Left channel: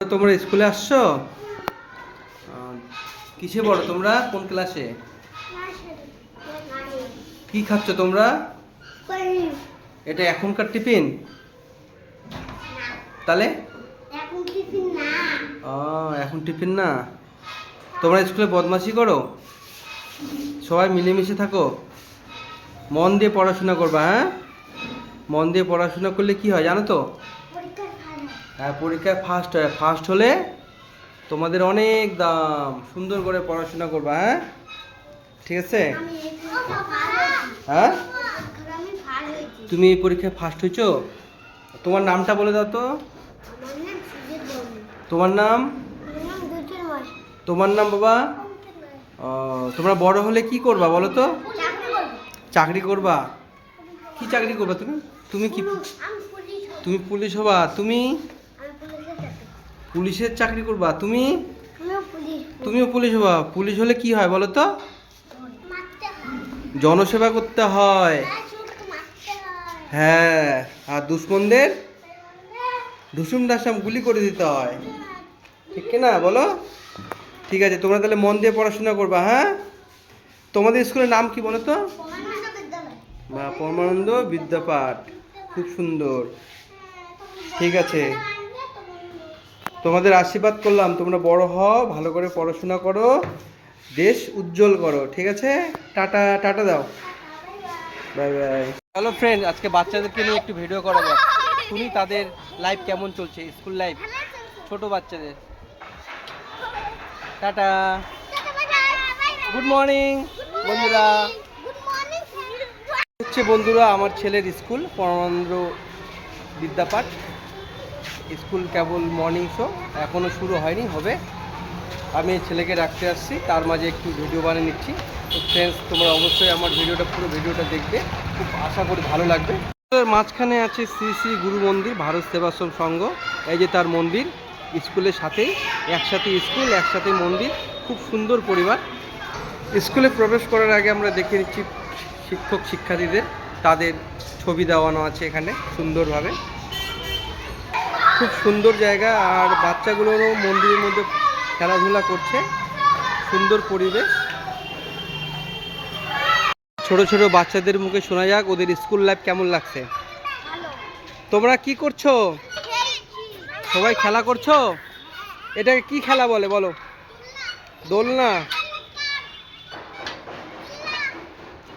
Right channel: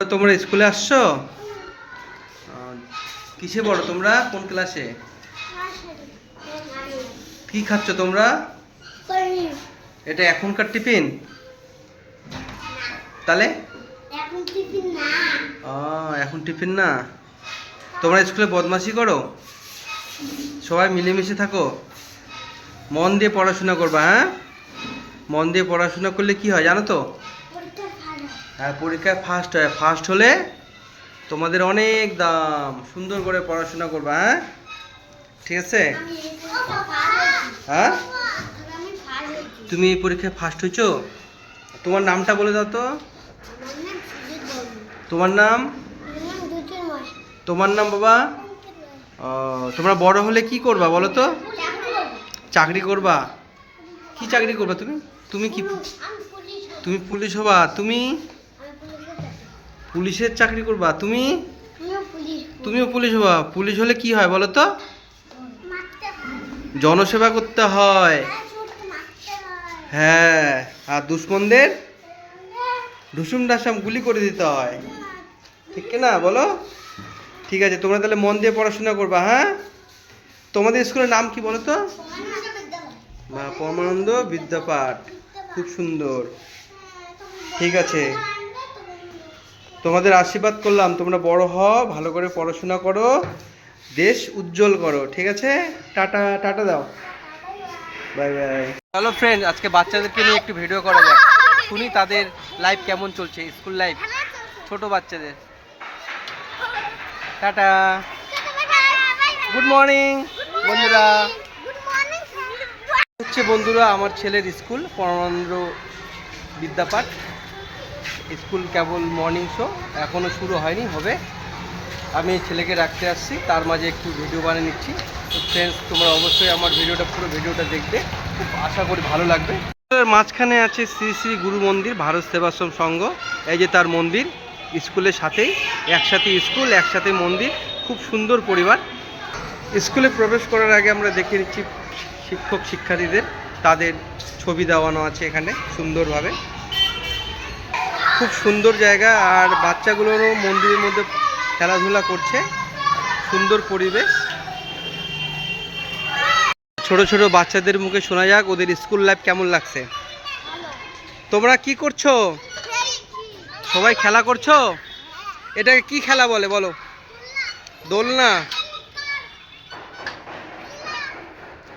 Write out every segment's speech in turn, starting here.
তোমরা স্কুলে আসছো? কিসে পড়ো তোমরা? কোন ক্লাসে? কি খাচ্ছ তোমরা? এটা এখনকার টিফিন? তাহলে এখন টিফিন না। তোমরা স্কুলে বদমাশি করো? সবাই মিলেমিশে থাকো, মন দিয়ে পড়াশোনা করবা। হ্যাঁ, মন দিয়ে পড়াশোনা করলে কি হয় জানো তো? হ্যাঁ, পরীক্ষায় ফার্স্ট হয়। ফার্স্ট হলে তোমাদের অনেক দাম। সুন্দর করে পড়াশোনা করবা। হ্যাঁ, ঠিক আছে? হ্যাঁ, তুমি এই পরীক্ষায় ফার্স্ট হয়েছো? তোমার নামটা বলে দাও তো। তোমার নাম? তোমার নাম বাবা? তোমরা বড় হলে কি করবা বলো তো? চাকরি করবা? কি চাকরি করবা তুমি? তুমি কি, তুমি পুলিশ হবা? তুমি পুলিশের চাকরি করবা? তুমিও পুলিশ হবা? পুলিশ হলে কি হয় বলো তো? জনসেবা করতে হয়। হ্যাঁ, আর দুশ্মনদের ঢুসুম ঢাসাম গুলি করে দিতে হয়, ঠিক না বলো? ঠিক আছে, তোমরা তাহলে মন দিয়ে পড়াশোনা করবা। হ্যাঁ, তোমাদের স্কুলের নাম কি বলো তো? পরমানন্দ বিদ্যাপাঠ। খুব সুন্দর। ঠিক আছে, তোমাদের আশীর্বাদ করলাম, তোমরা বড় হও, ভালো করে পড়াশোনা করো, দেশ উজ্জ্বল করো। ঠিক আছে, টাটা। টাটা দাও, বাই বাই। হ্যালো ফ্রেন্ড, আজকে বাচ্চাদেরকে নিয়ে একটু ভিডিও করা যাক, শুনি তাদের লাইফ কেমন চলছে, স্কুল লাইফ, ছোট বাচ্চাদের। টাটা, গুড মর্নিং বন্ধুরা। হচ্ছে বন্ধুরা আমার ছেলের স্কুল পরমানন্দ বিদ্যাপাঠ স্কুল, কেবল মর্নিং শো, এখনও শুরু হয়নি, হবে। আমি ছেলেকে রাখতে আসছি, তার মাঝে একটু ভিডিও বানিয়ে নিচ্ছি। তো ফ্রেন্ডস, তোমরা অবশ্যই আমার পুরো ভিডিওটা দেখবে, খুব আশা করি ভালো লাগবে। মাঝখানে আছে শ্রী শ্রী গুরু মন্দির, ভারত সেবাশ্রম সংঘ। এই যে তার মন্দির, স্কুলের সাথেই, একসাথে স্কুল একসাথে মন্দির, খুব সুন্দর পরিবার। স্কুলে প্রবেশ করার আগে আমরা দেখে নিচ্ছি শিক্ষক শিক্ষার্থীদের, তাদের ছবি দেওয়ানো আছে এখানে সুন্দরভাবে। খুব সুন্দর জায়গা, আর বাচ্চাগুলোরও মন্দিরের মধ্যে খেলাধুলা করছে, সুন্দর পরিবেশ। ছোট ছোট বাচ্চাদের মুখে শোনা যাক ওদের স্কুল লাইফ কেমন লাগছে। তোমরা কি করছো? সবাই খেলা করছো? এটাকে কি খেলা বলে বলো? দোলনা।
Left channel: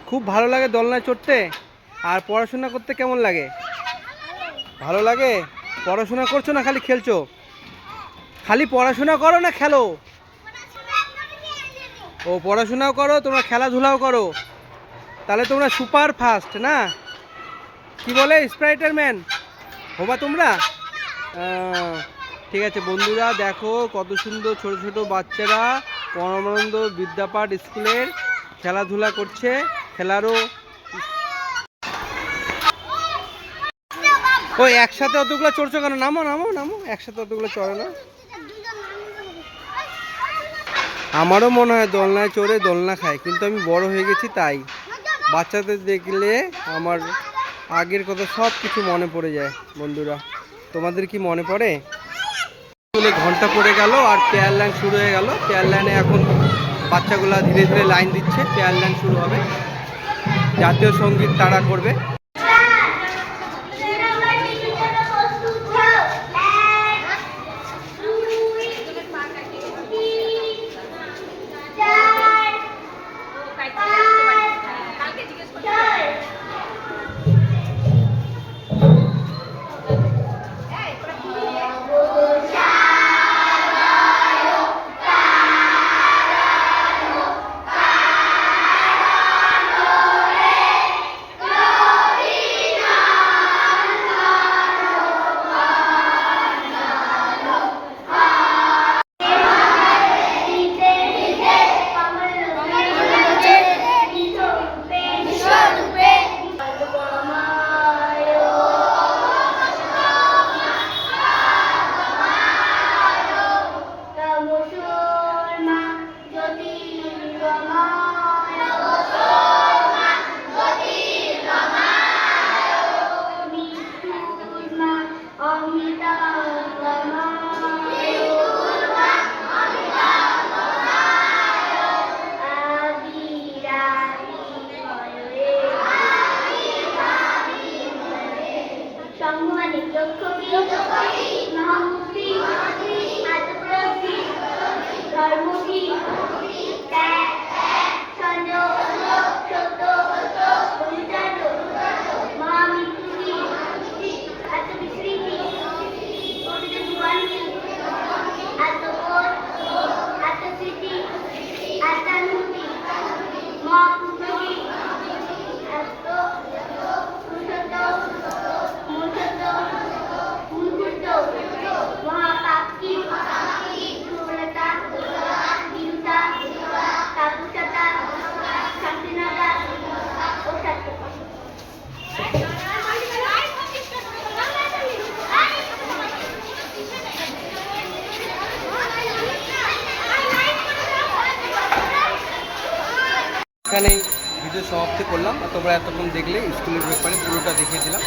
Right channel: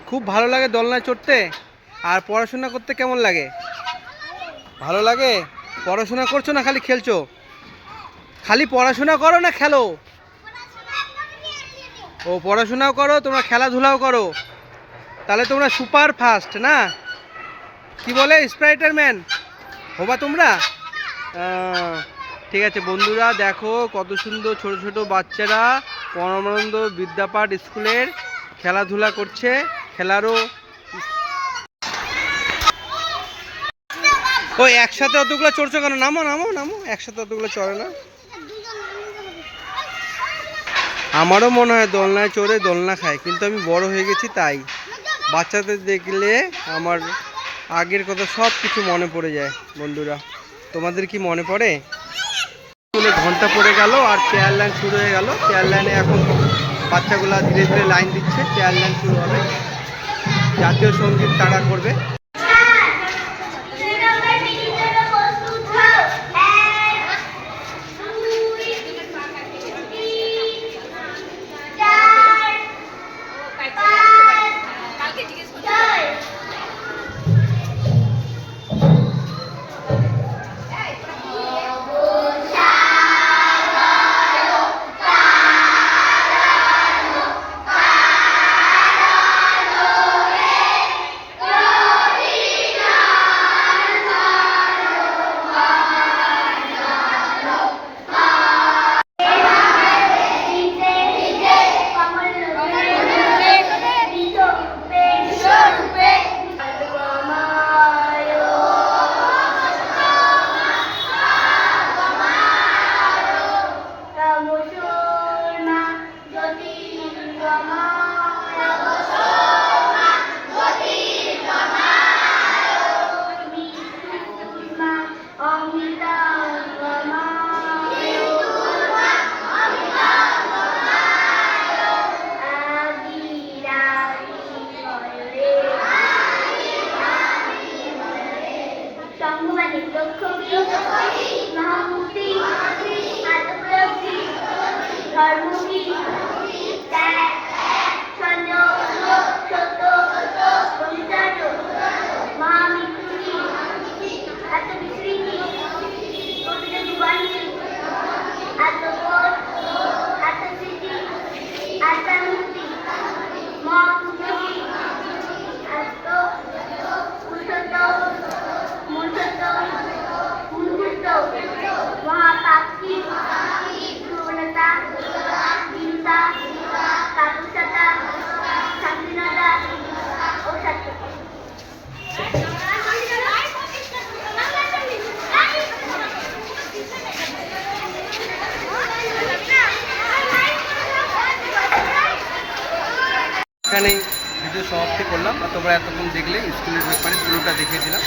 খুব ভালো লাগে দোলনায় চড়তে। আর পড়াশোনা করতে কেমন লাগে? ভালো লাগে। পড়াশোনা করছো না খালি খেলছো? খালি পড়াশোনা করো না খেলো? ও, পড়াশোনাও করো, তোমরা খেলাধুলাও করো, তাহলে তোমরা সুপার ফাস্ট না? কি বলে, স্প্রাইটার ম্যান হবা তোমরা? ঠিক আছে বন্ধুরা, দেখো কত সুন্দর ছোট ছোট বাচ্চারা পরমানন্দ বিদ্যাপাঠ স্কুলের খেলাধুলা করছে। খেলারও ওই একসাথে অতগুলো চড়ছো কেন? নামো নামো নামো, একসাথে অতগুলো চড়ে না। আমারও মনে হয় দোলনায় চড়ে দোলনা খায়, কিন্তু আমি বড় হয়ে গেছি, তাই বাচ্চাদের দেখলে আমার আগের কথা সব কিছু মনে পড়ে যায়। বন্ধুরা, তোমাদের কি মনে পড়ে? স্কুলে ঘন্টা পড়ে গেল আর পেয়ার লাইন শুরু হয়ে গেল। পেয়ার লাইনে এখন বাচ্চাগুলা ধীরে ধীরে লাইন দিচ্ছে, পেয়ার লাইন শুরু হবে, জাতীয় সঙ্গীত তারা করবে। এখানেই ভিডিও সমাপ্তি করলাম। আর তোমরা এতক্ষণ দেখলে স্কুলের ব্যাপারে পুরোটা দেখিয়ে দিলাম।